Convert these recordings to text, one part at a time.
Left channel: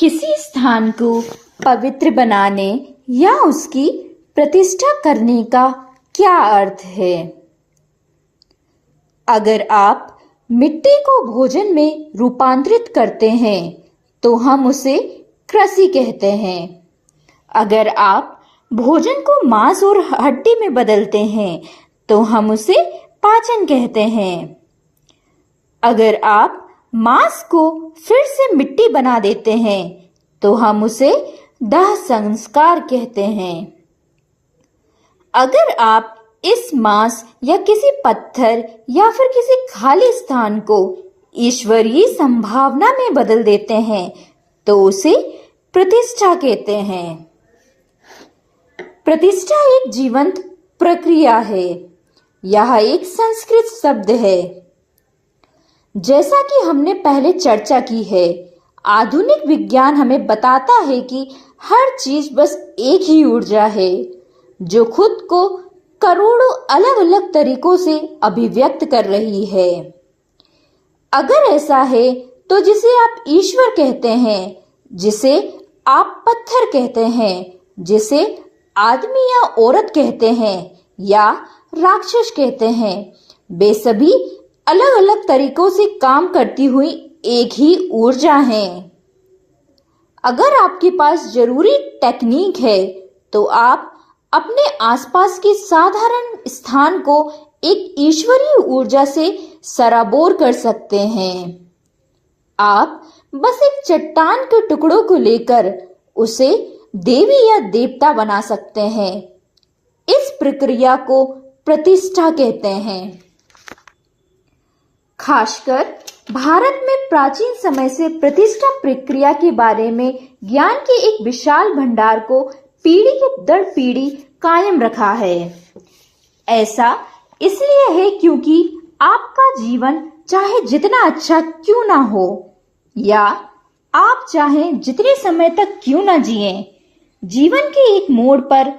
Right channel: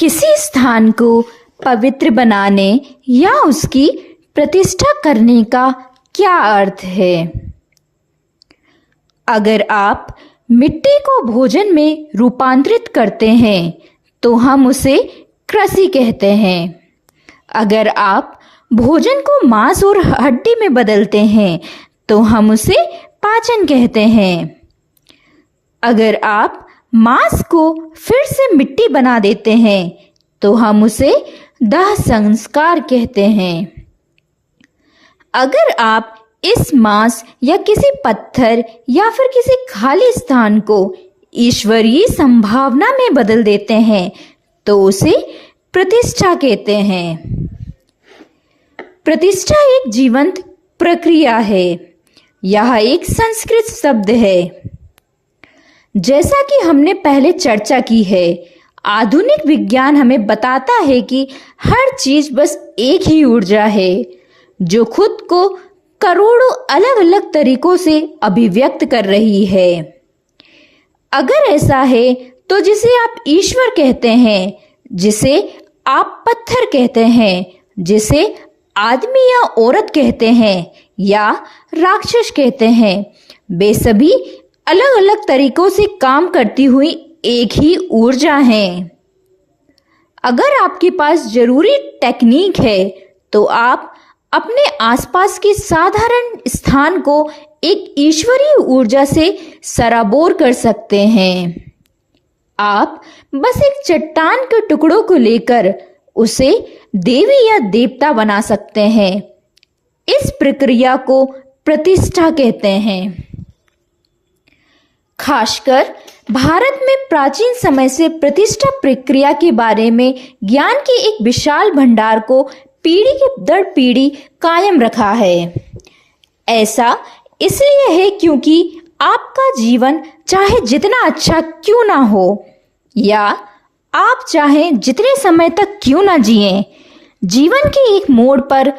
किसी स्थान को पवित्र बनाने या उसकी प्रतिष्ठा करने का क्या अर्थ है? अगर आप मिट्टी को भोजन में रूपांतरित करते हैं तो हम उसे कृषि कहते हैं। अगर आप भोजन को मांस और हड्डी में बदलते हैं तो हम उसे पाचन कहते हैं। अगर आप मांस को फिर से मिट्टी बना देते हैं तो हम उसे दाह संस्कार कहते हैं। अगर आप इस मांस या किसी पत्थर या फिर किसी खाली स्थान को ईश्वरीय संभावना में बदल देते हैं तो उसे प्रतिष्ठा कहते हैं। प्रतिष्ठा एक जीवंत प्रक्रिया है। यह एक संस्कृत शब्द है। जैसा कि हमने पहले चर्चा की है, आधुनिक विज्ञान हमें बताता है कि हर चीज बस एक ही ऊर्जा है जो खुद को करोड़ों अलग अलग तरीकों से अभिव्यक्त कर रही है। अगर ऐसा है तो जिसे आप ईश्वर कहते हैं, जिसे आप पत्थर कहते हैं, जिसे आदमी या औरत कहते हैं या राक्षस कहते हैं, वे सभी अलग अलग तरीकों से काम करती हुई एक ही ऊर्जा है। अगर आपके पास जरूरी टेक्निक है तो आप अपने आसपास के साधारण स्थान को एक ईश्वरीय ऊर्जा से सराबोर कर सकते हैं। आप बस एक चट्टान के टुकड़ों को लेकर उसे देवी या देवता बना सकते हैं। इस प्रक्रिया को प्रतिष्ठा कहते हैं। खासकर भारत में प्राचीन समय से प्रतिष्ठा प्रक्रिया के बारे में ज्ञान के एक विशाल भंडार को पीढ़ी के दर पीढ़ी कायम रखा है। ऐसा इसलिए है क्योंकि आपका जीवन चाहे जितना अच्छा क्यों ना हो या आप चाहे जितने समय तक क्यों ना जिएं, जीवन के एक मोड़ पर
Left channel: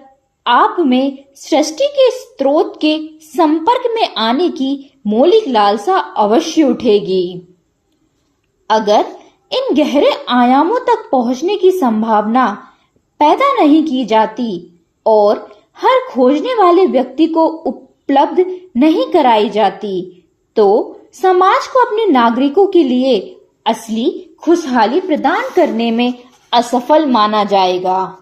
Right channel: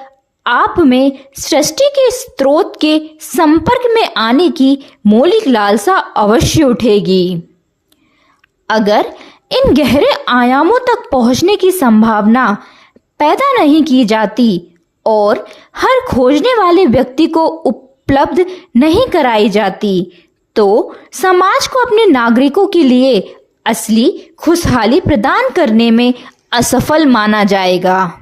आप में सृष्टि के स्रोत के संपर्क में आने की मौलिक लालसा अवश्य उठेगी। अगर इन गहरे आयामों तक पहुंचने की संभावना पैदा नहीं की जाती और हर खोजने वाले व्यक्ति को उपलब्ध नहीं कराई जाती तो समाज को अपने नागरिकों के लिए असली खुशहाली प्रदान करने में असफल माना जाएगा।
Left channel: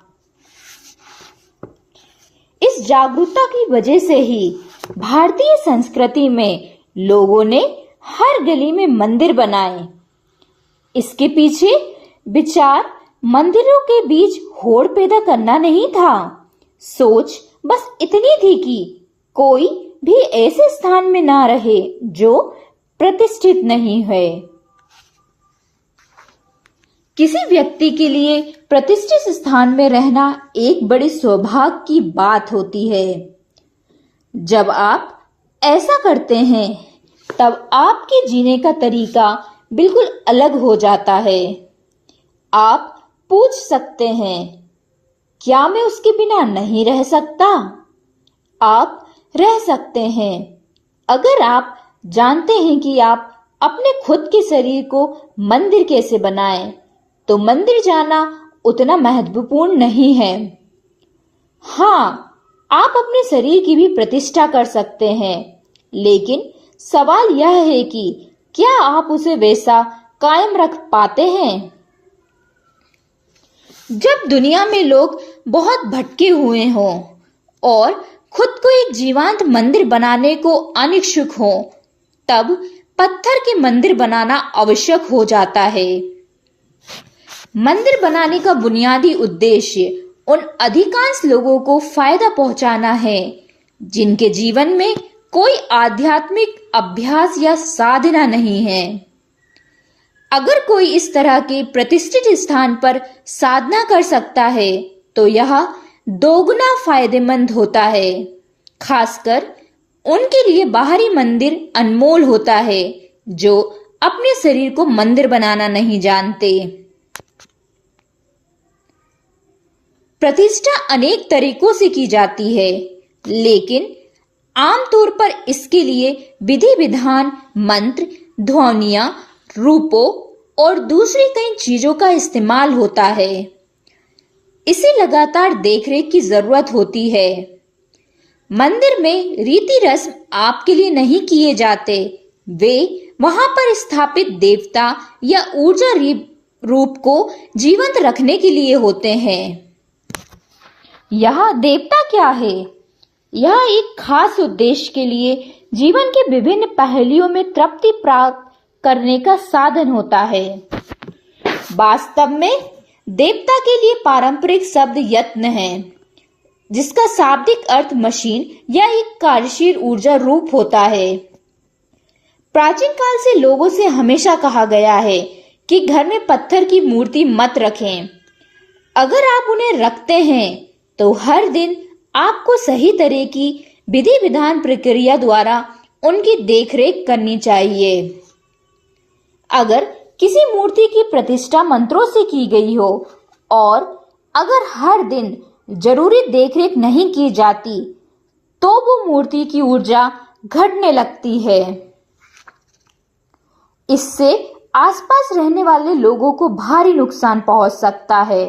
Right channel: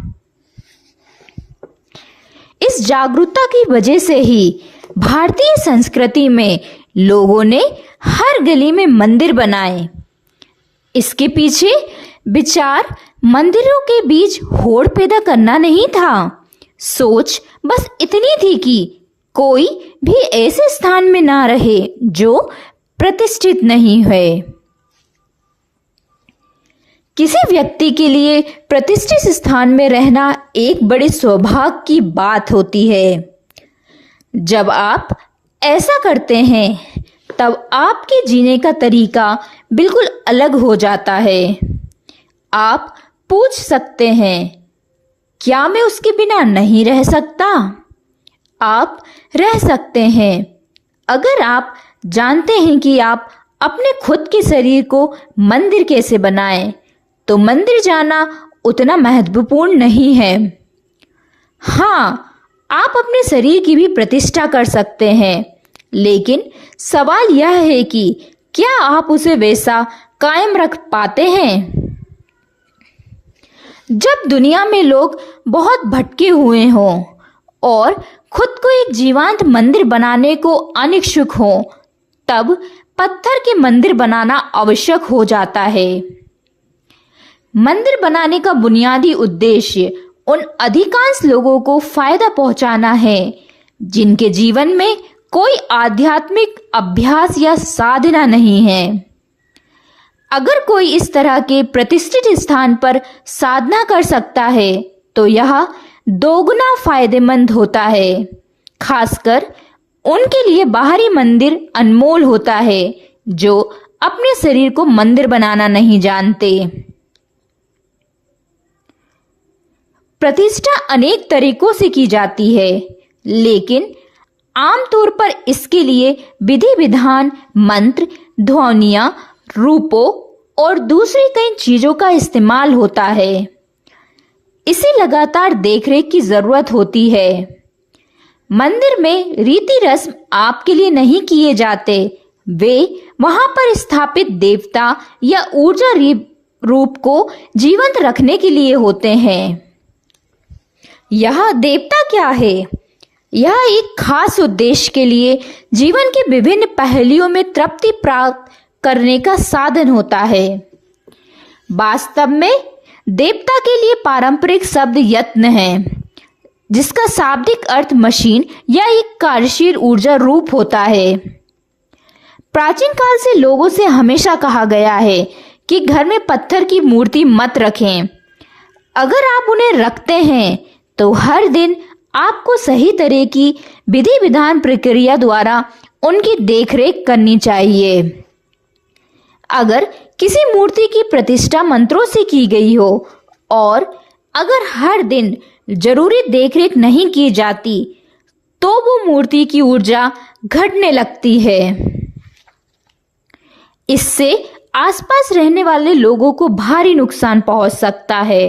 इस जागरूकता की वजह से ही भारतीय संस्कृति में लोगों ने हर गली में मंदिर बनाए। इसके पीछे विचार मंदिरों के बीच होड़ पैदा करना नहीं था। सोच बस इतनी थी कि कोई भी ऐसे स्थान में ना रहे जो प्रतिष्ठित नहीं है। किसी व्यक्ति के लिए प्रतिष्ठित स्थान में रहना एक बड़े सौभाग्य की बात होती है। जब आप ऐसा करते हैं तब आपके जीने का तरीका बिल्कुल अलग हो जाता है। आप पूछ सकते हैं, क्या मैं उसके बिना नहीं रह सकता? आप रह सकते हैं अगर आप जानते हैं कि आप अपने खुद के शरीर को मंदिर कैसे बनाएं, तो मंदिर जाना उतना महत्वपूर्ण नहीं है। हाँ, आप अपने शरीर की भी प्रतिष्ठा कर सकते हैं, लेकिन सवाल यह है कि क्या आप उसे वैसा कायम रख पाते हैं? जब दुनिया में लोग बहुत भटके हुए हों और खुद को एक जीवंत मंदिर बनाने को अनिच्छुक हों, तब पत्थर के मंदिर बनाना आवश्यक हो जाता है। मंदिर बनाने का बुनियादी उद्देश्य उन अधिकांश लोगों को फायदा पहुंचाना है जिनके जीवन में कोई आध्यात्मिक अभ्यास या साधना नहीं है। अगर कोई इस तरह के प्रतिष्ठित स्थान पर साधना कर सकता है तो यह दोगुना फायदेमंद होता है। खासकर उनके लिए बाहरी मंदिर अनमोल होता है जो अपने शरीर को मंदिर बनाना नहीं जानते। प्रतिष्ठा अनेक तरीकों से की जाती है, लेकिन आमतौर पर इसके लिए विधि विधान, मंत्र, ध्वनियां, रूपों और दूसरी कई चीजों का इस्तेमाल होता है। इसे लगातार देखरेख की जरूरत होती है। मंदिर में रीति रस्म आपके लिए नहीं किए जाते, वे वहां पर स्थापित देवता या ऊर्जा रूप को जीवंत रखने के लिए होते हैं। यह देवता क्या है? यह एक खास उद्देश्य के लिए जीवन के विभिन्न पहलुओं में तृप्ति प्राप्त करने का साधन होता है। वास्तव में देवता के लिए पारंपरिक शब्द यत्न है, जिसका शाब्दिक अर्थ मशीन या एक कार्यशील ऊर्जा रूप होता है। प्राचीन काल से लोगों से हमेशा कहा गया है कि घर में पत्थर की मूर्ति मत रखें। अगर आप उन्हें रखते हैं तो हर दिन आपको सही तरह की विधि विधान प्रक्रिया द्वारा उनकी देखरेख करनी चाहिए। अगर किसी मूर्ति की प्रतिष्ठा मंत्रों से की गई हो और अगर हर दिन जरूरी देखरेख नहीं की जाती तो वो मूर्ति की ऊर्जा घटने लगती है। इससे आसपास रहने वाले लोगों को भारी नुकसान पहुंच सकता है।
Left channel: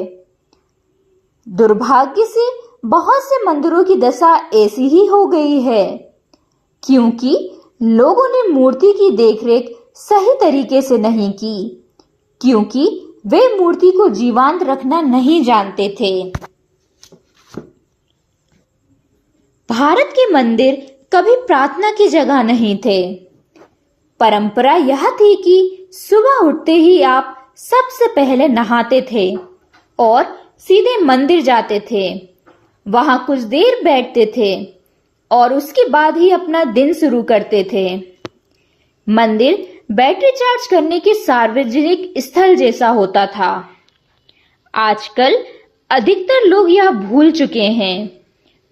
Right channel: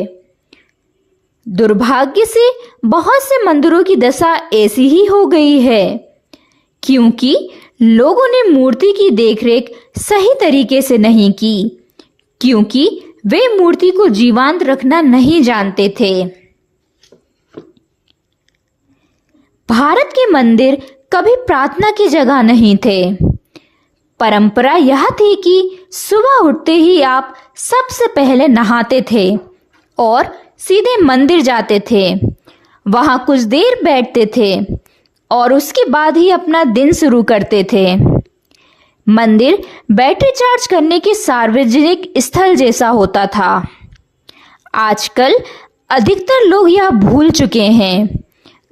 दुर्भाग्य से बहुत से मंदिरों की दशा ऐसी ही हो गई है क्योंकि लोगों ने मूर्ति की देखरेख सही तरीके से नहीं की, क्योंकि वे मूर्ति को जीवंत रखना नहीं जानते थे। भारत के मंदिर कभी प्रार्थना की जगह नहीं थे। परंपरा यह थी कि सुबह उठते ही आप सबसे पहले नहाते थे और सीधे मंदिर जाते थे। वहां कुछ देर बैठते थे और उसके बाद ही अपना दिन शुरू करते थे। मंदिर बैटरी चार्ज करने के सार्वजनिक स्थल जैसा होता था। आजकल अधिकतर लोग यह भूल चुके हैं।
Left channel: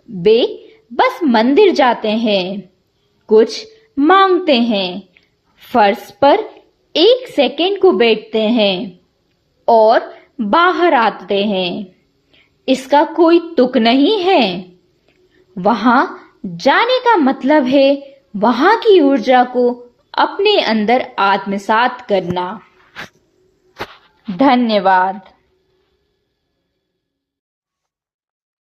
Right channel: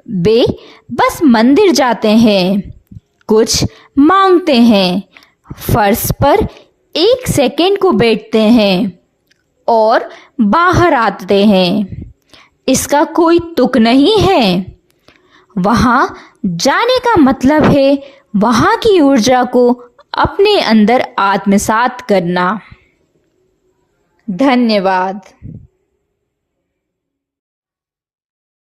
वे बस मंदिर जाते हैं, कुछ मांगते हैं, फर्श पर 1 सेकंड को बैठते हैं और बाहर आते हैं। इसका कोई तुक नहीं है। वहां जाने का मतलब है वहां की ऊर्जा को अपने अंदर आत्मसात करना। धन्यवाद।